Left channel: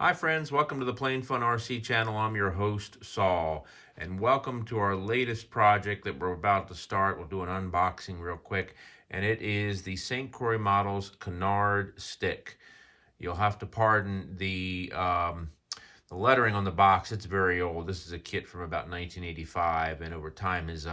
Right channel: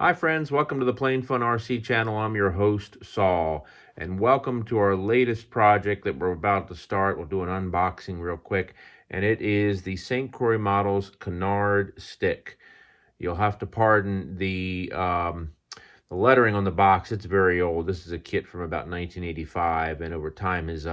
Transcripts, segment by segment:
Hi friends, welcome to the Plain Fun RC channel. I'm your host, Saul, and welcome to our latest project that we're about to start. We'll do an unboxing real quick, and it is the St. Croix Models Canard Stick. You'll have to pardon the lettering on the box. It's very old. This is a kit from about 1985, and over time is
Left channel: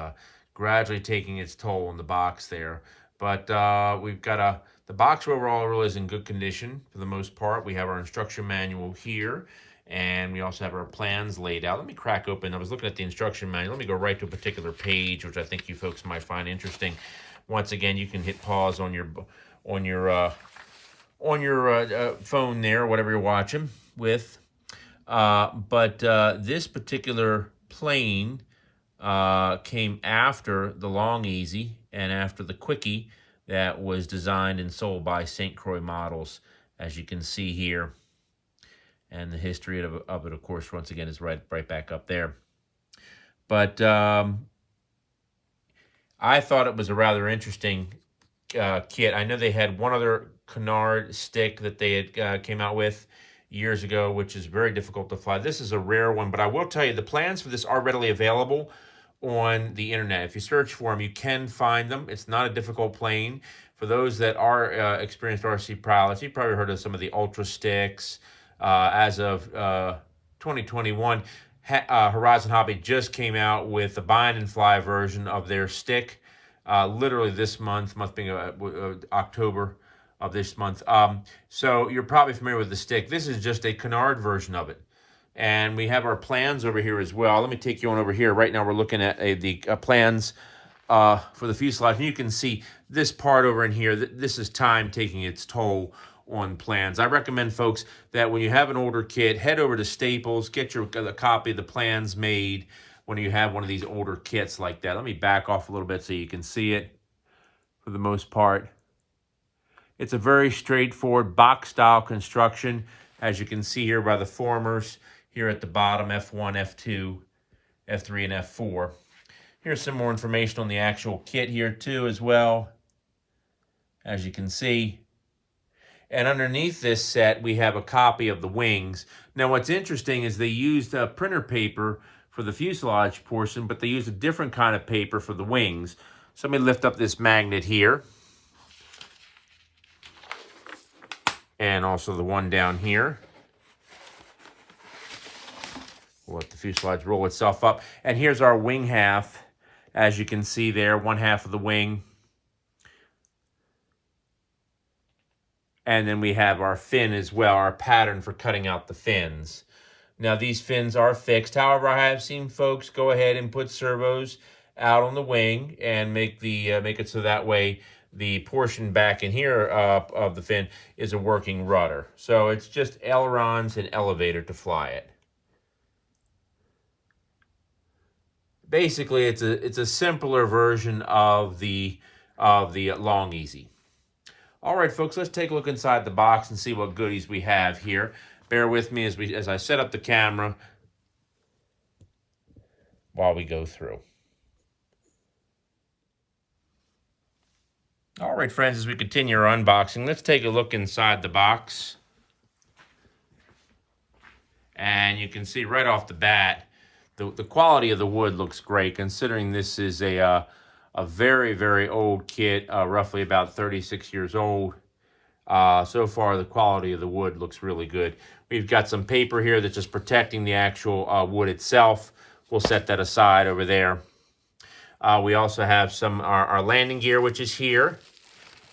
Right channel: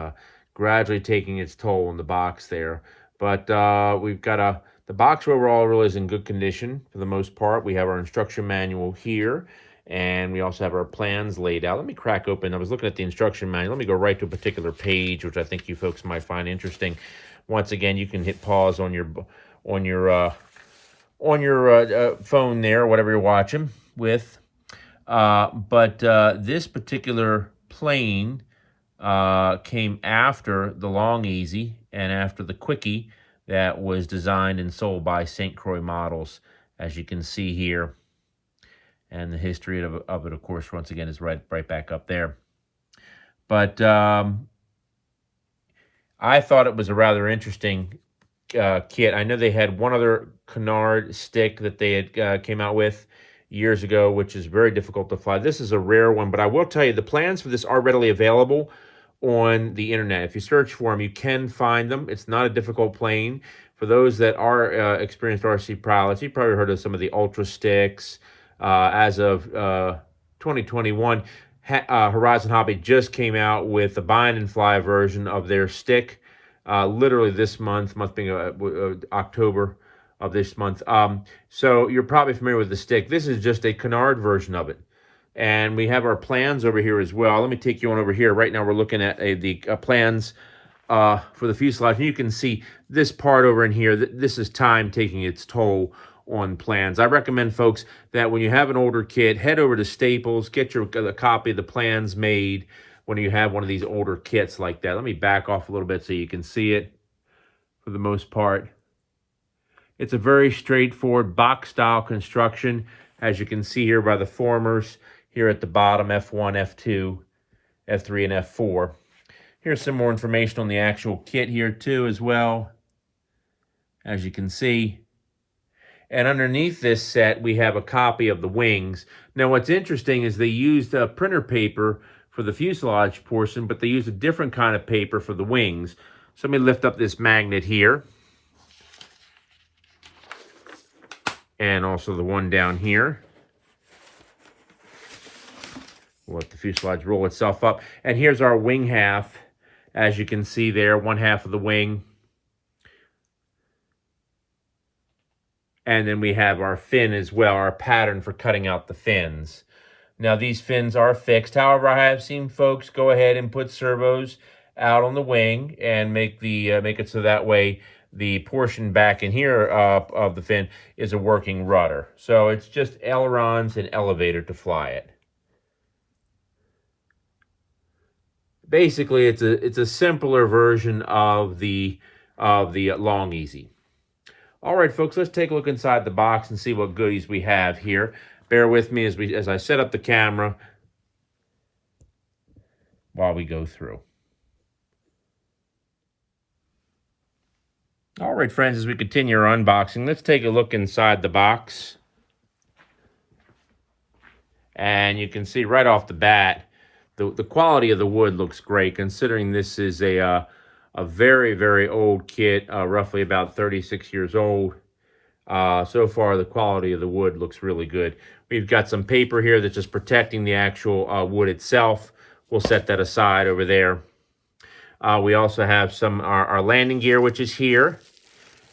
gradually taking its toll on the box there. But we've got the box overall really is in good condition for the most part. We have our instruction manual here, and we also have our plans laid out. Let me crack open. I was looking at the instruction manual. Let me go right to a particular page, which I think you folks might find interesting. Once again, you can hit pause on your phone there, whatever you're watching with. But this particular plane came after the Long Easy and after the Quickie that was designed and sold by St. Croix Models, as you can see here. And the history of it, of course, once again, is right back up there. But I thought it was a rather interesting kit. I know they had one other Canard stick that they had came out with years ago, which is very difficult to fly. This is a rare one, but I will tell you the plans for this are readily available on the internet. If you search for them, you can find them. It's not a difficult plane. For those that are experienced RC pilots, you've probably heard of some of the Ultra Sticks. As of 2021, Horizon Hobby just came out with the bind and fly version of their stick. Literally this month being October of this month. So you're probably familiar with the stick. This is just a Canard version of it. And we have our plans over here as well. Let me take you on over here. Right now we're looking at the plans for the fuselage. And you can see this part over in here. This is time taking its toll on plans. I recommend, folks, that when you have an older kit, head over to Staples, get a copy of the plans made when you have one of these older kits like that. Let me back off a little bit so you can see it for the most part. It's a very straightforward box-style construction, as you can see here by the formers here at the bottom, F1, F2, F3, and F4. Here's some more information on the actual kit here too as well, as you can see. And underneath this set, we have a copy of the wings. Now, what's interesting is they used printer paper for the fuselage portion, but they used a different kind of paper for the wings. So let me lift up this magnet here. And also the one down here. We'll let the fuselage roll itself up. And here's our wing half. As you can see there, one half of the wing. And then we have our fin as well, our pattern for cutting out the fins. Now, these fins are fixed. However, I have seen folks go ahead and put servos out on the wing and make it so that way the portion back in here of the fin is a working rudder. So it's just ailerons and elevator to fly it. Basically, it's a simpler version of the Long Easy. All right, folks, let's take a look inside the box and see what goodies we have here. Bear with me as I set up the camera while we go through. All right, friends, as we continue our unboxing, let's take a look inside the box. And you can see right off the bat, the quality of the wood looks great, considering this is a very, very old kit, roughly about 36 years old. So far, the quality of the wood looks really good. We've got some paper here that's just protecting the actual wood itself. We'll set that aside over there. We also have our landing gear, which is here.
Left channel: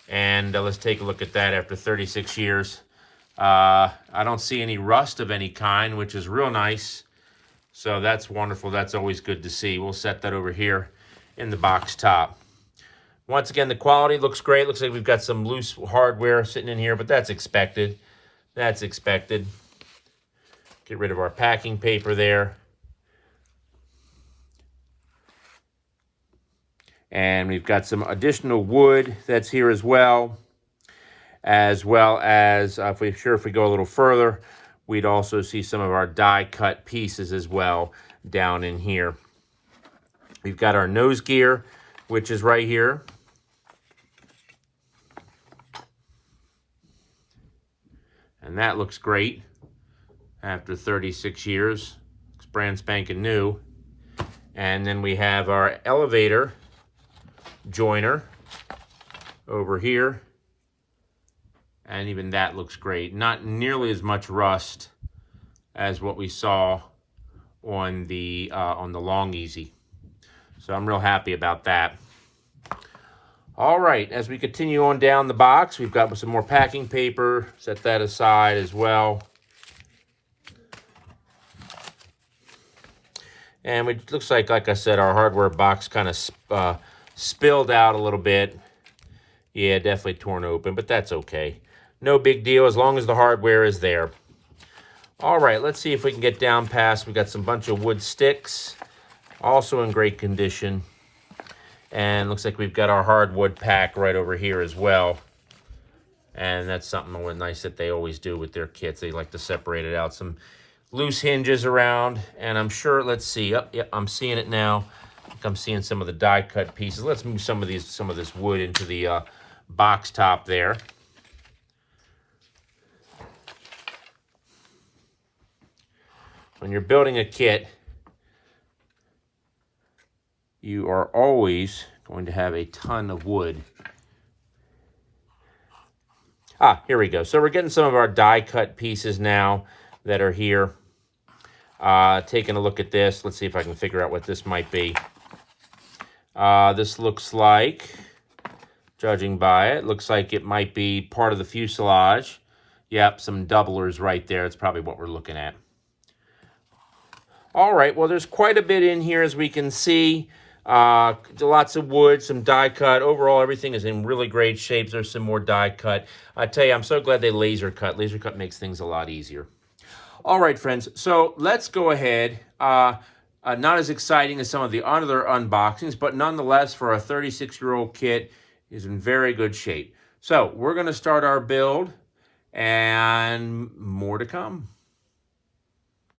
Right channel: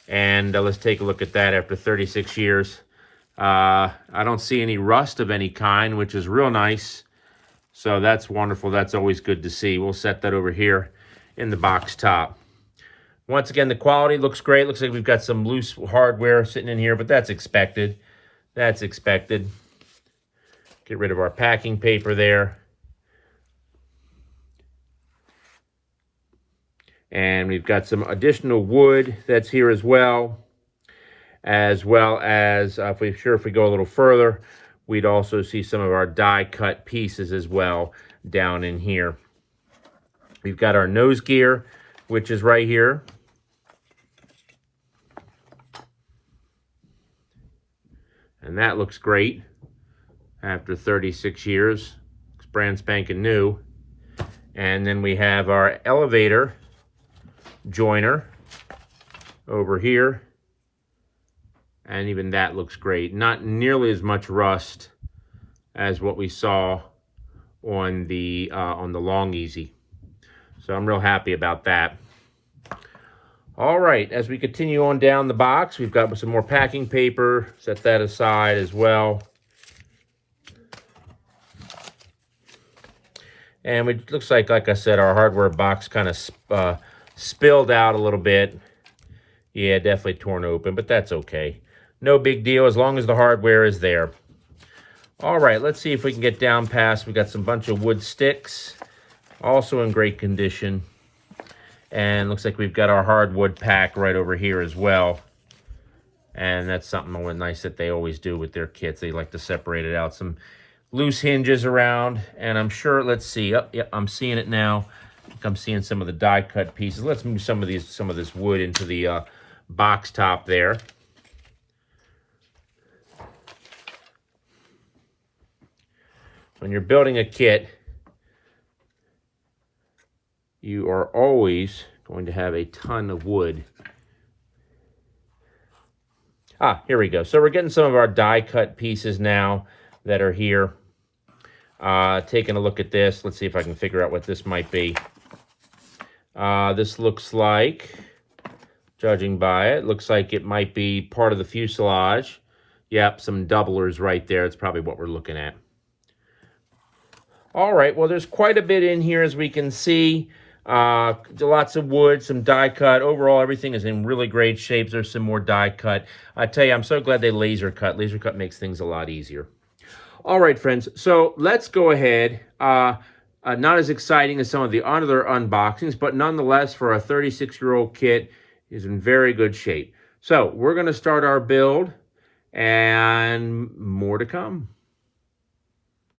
And let's take a look at that after 36 years. I don't see any rust of any kind, which is real nice. So that's wonderful. That's always good to see. We'll set that over here in the box top. Once again, the quality looks great. Looks like we've got some loose hardware sitting in here, but that's expected. That's expected. Get rid of our packing paper there. And we've got some additional wood that's here as well as if we go a little further, we'd also see some of our die cut pieces as well down in here. We've got our nose gear, which is right here. And that looks great. after 36 years. It's brand spanking new. And then we have our elevator joiner over here. And even that looks great. Not nearly as much rust as what we saw on the Long Easy. So I'm real happy about that. All right, as we continue on down the box, we've got some more packing paper. Set that aside as well. And it looks like I said, our hardware box kind of spilled out a little bit. Yeah, definitely torn open, but that's okay. No big deal as long as the hardware is there. All right, let's see if we can get down past. We got some bunch of wood sticks, also in great condition. And looks like we've got our hardwood pack right over here as well. And that's something nice that they always do with their kits. They like to separate it out. Some loose hinges around, and I'm sure, let's see. Oh, yeah, I'm seeing it now. I think I'm seeing some of the die cut pieces. Let's move some of this wood into the box top there. When you're building a kit, you are always going to have a ton of wood. Here we go. So we're getting some of our die cut pieces now that are here. Taking a look at this. Let's see if I can figure out what this might be. This looks like, judging by it, looks like it might be part of the fuselage. Yep, some doublers right there. It's probably what we're looking at. All right, well, there's quite a bit in here, as we can see. Lots of wood, some die cut. Overall, everything is in really great shape. There's some more die cut. I tell you, I'm so glad they laser cut. Laser cut makes things a lot easier. All right, friends, so let's go ahead. Not as exciting as some of the other unboxings, but nonetheless, for a 36-year-old kit, is in very good shape. So we're going to start our build, and more to come.